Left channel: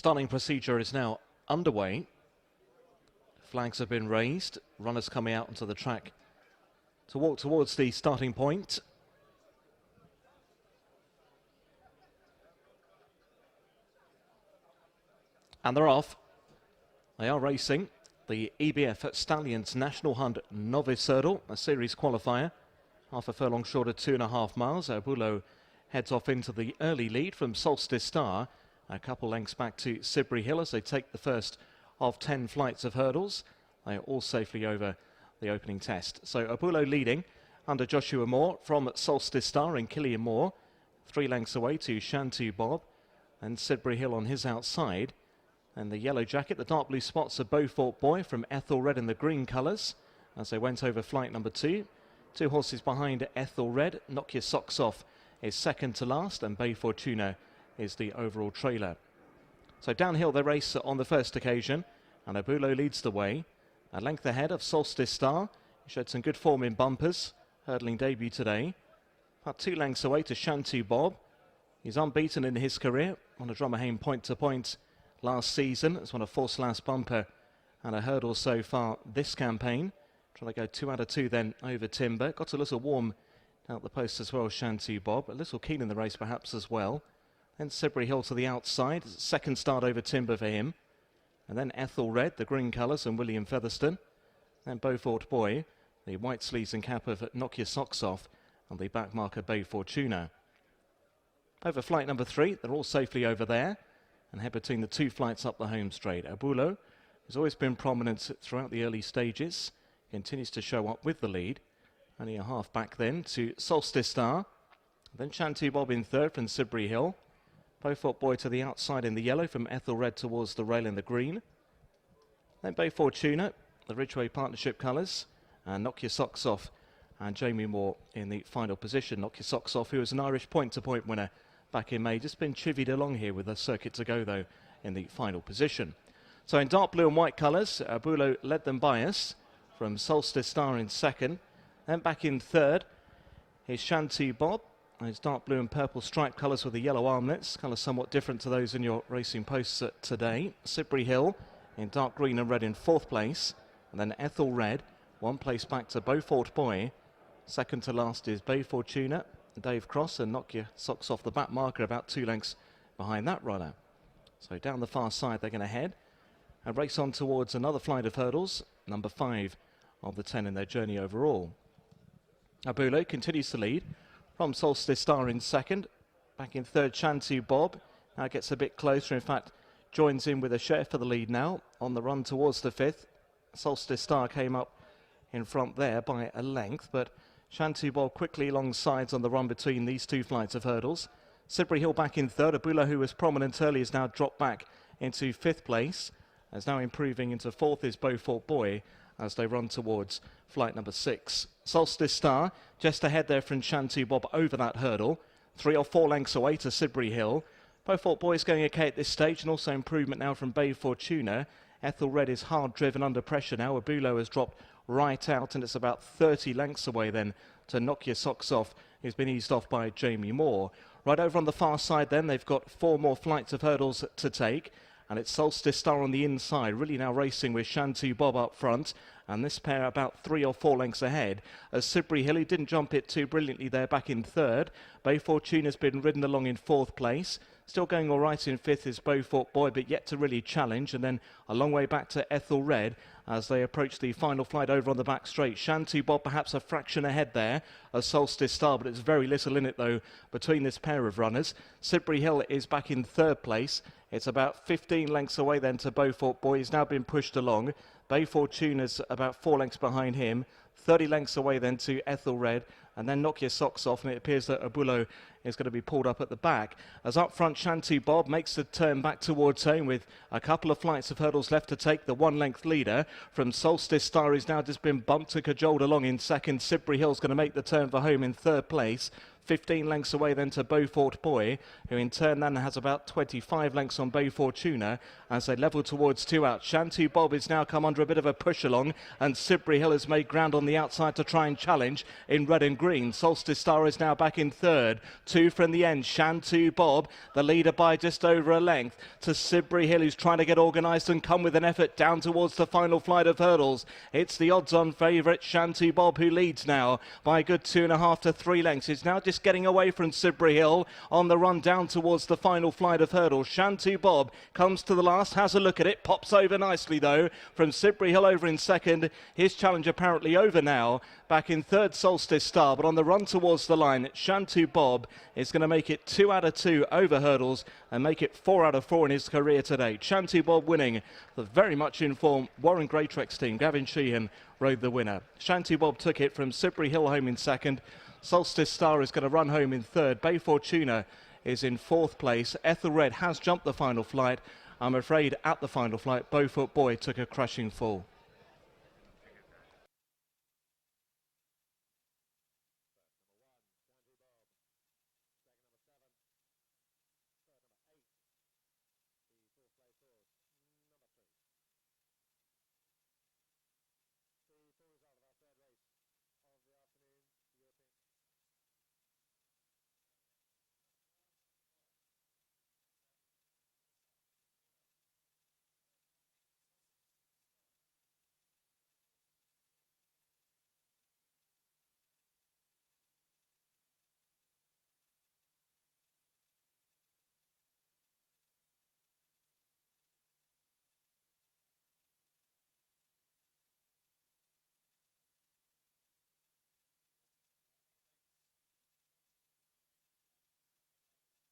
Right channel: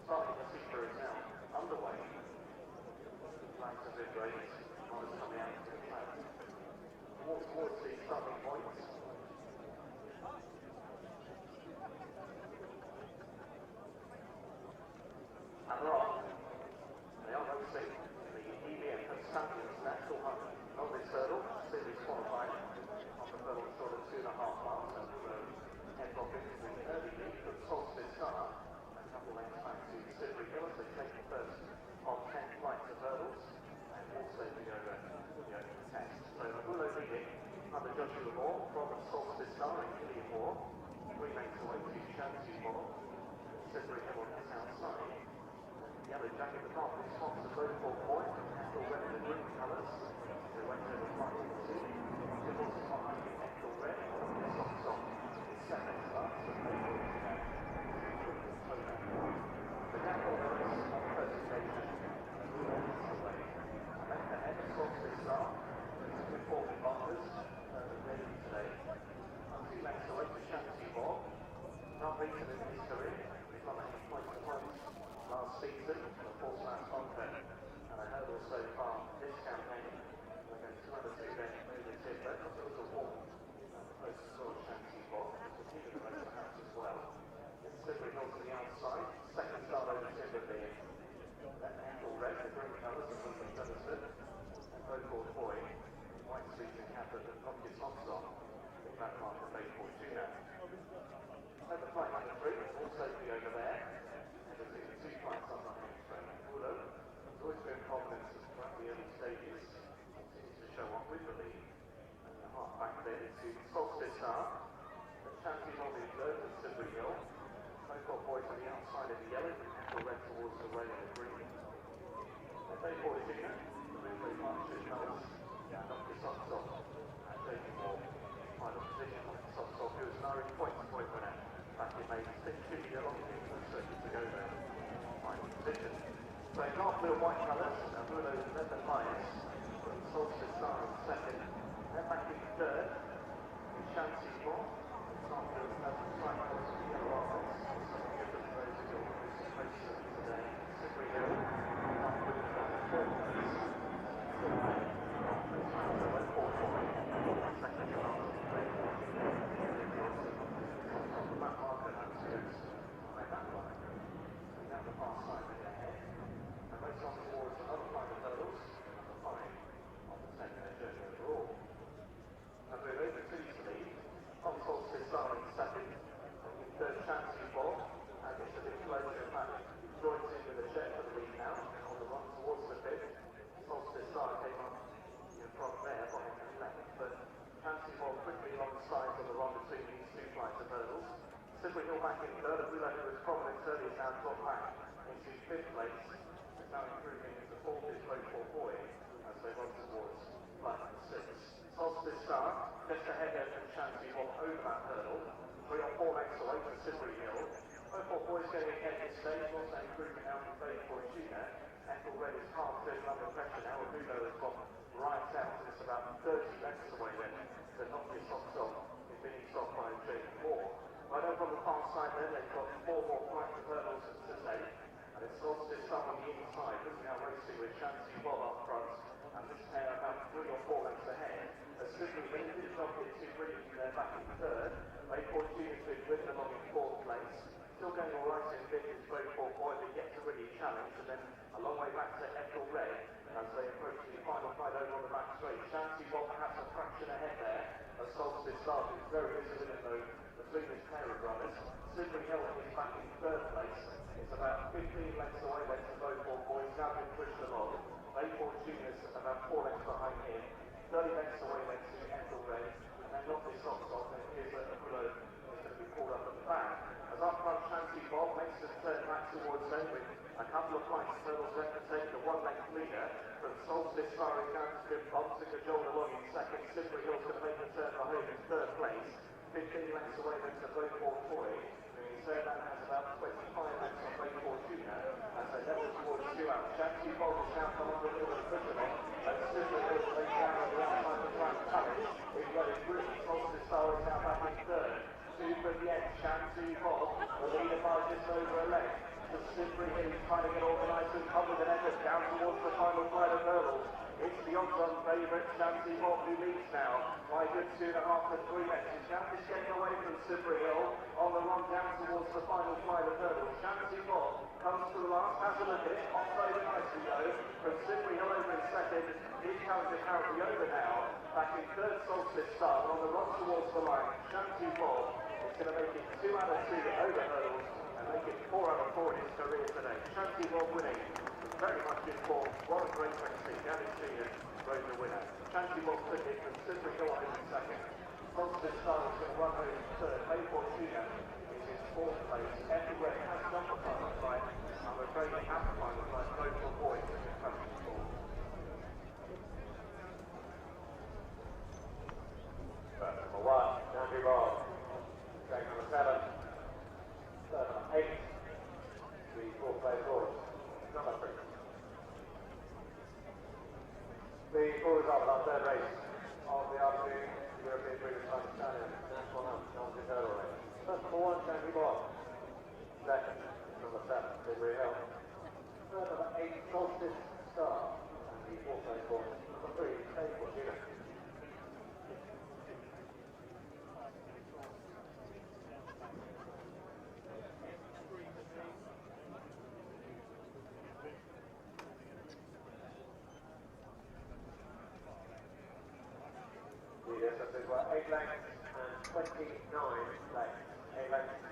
Starting procedure is now underway. Flags have been raised. Runners coming out onto the track to walk towards the starting point. And they're off. They are racing the EBF Stallions National Hunt Novice Hurdle, a series qualifier. Half a furlong short of 2.5 miles. Abulo heads off into the early lead from Solstice Star. A couple lengths back to Sidbury Hill as they take the first of 10 flights of hurdles. They are all safely over the opening test. So Abulo leading under Joshua Moore from Solstice Star and Killian Moore. 3 lengths away to Shantou Bob and Sidbury Hill on his outside. And the yellow jacket, the dark blue spots of Beaufort Boy from Ethel Red in the green colours as they went over flight number 2. 2 horses behind Ethel Red. Knock Your Socks Off is second to last, and Bay Fortuna is the overall trailer. So downhill they race on the first occasion, and Abulo leads the way. A length ahead of Solstice Star, showed some good form in bumpers, hurdling debut today. About 2 lengths away to Shantou Bob. He's unbeaten in his career on a Drummerhame point-to-point last season. It's won a 4/last bumper and a hurdle so far this campaign. Trying to go 2 out of 2 then over timber. Got a little warm out the post as well, Shantou Bob. A little keen in the race perhaps as well. Then Sidbury Hill to the outside. Second start over timber for him. And then Ethel Red, the green colours, and William Featherstone. And Beaufort Boy, the white sleeves and cap of Knock Your Socks Off, and the back marker Bay Fortuna. Over flight number 3, they're all safely over there and head between the 2 flights up the home straight. Abulo has always been prominent throughout the early stages. Continues to show up with the lead. Only a half back then to Solstice Star. Then Shantou Bob in third from Sidbury Hill. Beaufort Boy to the outside in the yellow from Ethel Red towards the rail in the green. Then Bay Fortuna, the Ridgeway Partnership colours, and Knock Your Socks Off and Jamie Moore in the final position. Knock Your Socks Off, who was an Irish point-to-point winner back in May. Just been chivied along here with a circuit to go though in the final position. So in dark blue and white colours, Abulo led them by us from Solstice Star in second. Then back in third is Shantou Bob. Those dark blue and purple striped colours with the yellow armlets, colours somewhat different to those in your racing posts today. Sidbury Hill in dark green and red in 4th place. Then Ethel Red, 1 place back to Beaufort Boy. Second to last is Bay Fortuna, Dave Cross, and Knock Your Socks Off, the back marker, about 2 lengths behind that runner. So down the far side they're going to head and race on towards another flight of hurdles, number 5 of the 10 in their journey overall. Abulo continues to lead from Solstice Star in second. Back in third, Shantou Bob. Now gets a bit closer, in fact joins in with a share for the lead now on the run towards the 5th. Solstice Star came up in front there by a length, but Shantou Bob quickly alongside on the run between these 2 flights of hurdles. Sidbury Hill back in third. Abulo, who was prominent early, has now dropped back into 5th place. As now improving into 4th is Beaufort Boy as they run towards flight number 6. Solstice Star just ahead there from Shantou Bob over that hurdle. 3 or 4 lengths away to Sidbury Hill. Beaufort Boy is going okay at this stage, and also improvement now from Bay Fortuna. Ethel Red is hard driven under pressure now. Abulo has dropped right out, and it's about 30 lengths away then to Knock Your Socks Off, who's been eased off by Jamie Moore. Right over on the far side then, they've got 4 more flights of hurdles to take, and it's Solstice Star on the inside, really now racing with Shantou Bob up front, and this pair about 3 or 4 lengths ahead. As Sidbury Hill, he didn't jump it too brilliantly there back in third. Bay Fortuna's been ridden along in 4th place. Still going all right in 5th is Beaufort Boy, but yet to really challenge, and then a long way back to Ethel Red as they approach the final flight over on the back straight. Shantou Bob perhaps a fraction ahead there of Solstice Star, but it's very little in it though between this pair of runners. Sidbury Hill is back in 3rd place. It's about 15 lengths away then to Beaufort Boy. He's now been pushed along. Bay Fortuna's about 4 lengths behind him. 30 lengths away then to Ethel Red, and then Knock Your Socks Off, and it appears that Abulo is going to be pulled up at the back. As up front, Shantou Bob makes the turn back towards home with a couple of flights of hurdles left to take. The 1-length leader from Solstice Star is now just been bumped and cajoled along in second. Sidbury Hill's going to make the turn for home in 3rd place. 15 lengths away then to Beaufort Boy, who in turn then has about 25 lengths on Bay Fortuna as they level towards 2 out. Shantou Bob has now come under a bit of a push along, and Sidbury Hill has made ground on the outside to try and challenge in red and green. Solstice Star is now back in third. 2 from the end. Shantou Bob, the leader by just over a length, to Sidbury Hill, who's trying to get organised and come with an effort down towards the final flight of hurdles. It's the odds-on favourite Shantou Bob who leads now by a good 2.5 to 3 lengths. He's now just getting away from Sidbury Hill on the run down towards the final flight of hurdles. Shantou Bob comes to the last, has a look at it, pops over nicely though from Sidbury Hill over in second. His challenge apparently over now. Back in third, Solstice Star, but on the run towards the line, Shantou Bob is going to make it 2 out of 2 over hurdles and make it 4 out of 4 in his career today. Shantou Bob winning. The very much in form Warren Greatrex team, Gavin Sheehan, rode the winner. Shantou Bob took it from Sidbury Hill home in second. Solstice Star is going to run home in third. Bay Fortuna is in fourth place. Ethelred has jumped the final flight. I'm afraid at the final flight, Beaufort Boy took a crushing fall. Number 1, Shantou Bob. Track number 7, 8, the fourth place horse, number 3. The full result of our third race of the afternoon, European British Stallion National Hunt Challenger Hurdle Race. First, number 1, Shantou Bob. Second, number 7, Sidbury Hill. Third, number 8, Solstice Star. And the fourth place horse, number 3, Bay Fortuna. The distances were 8 lengths and 29 lengths. 8 lengths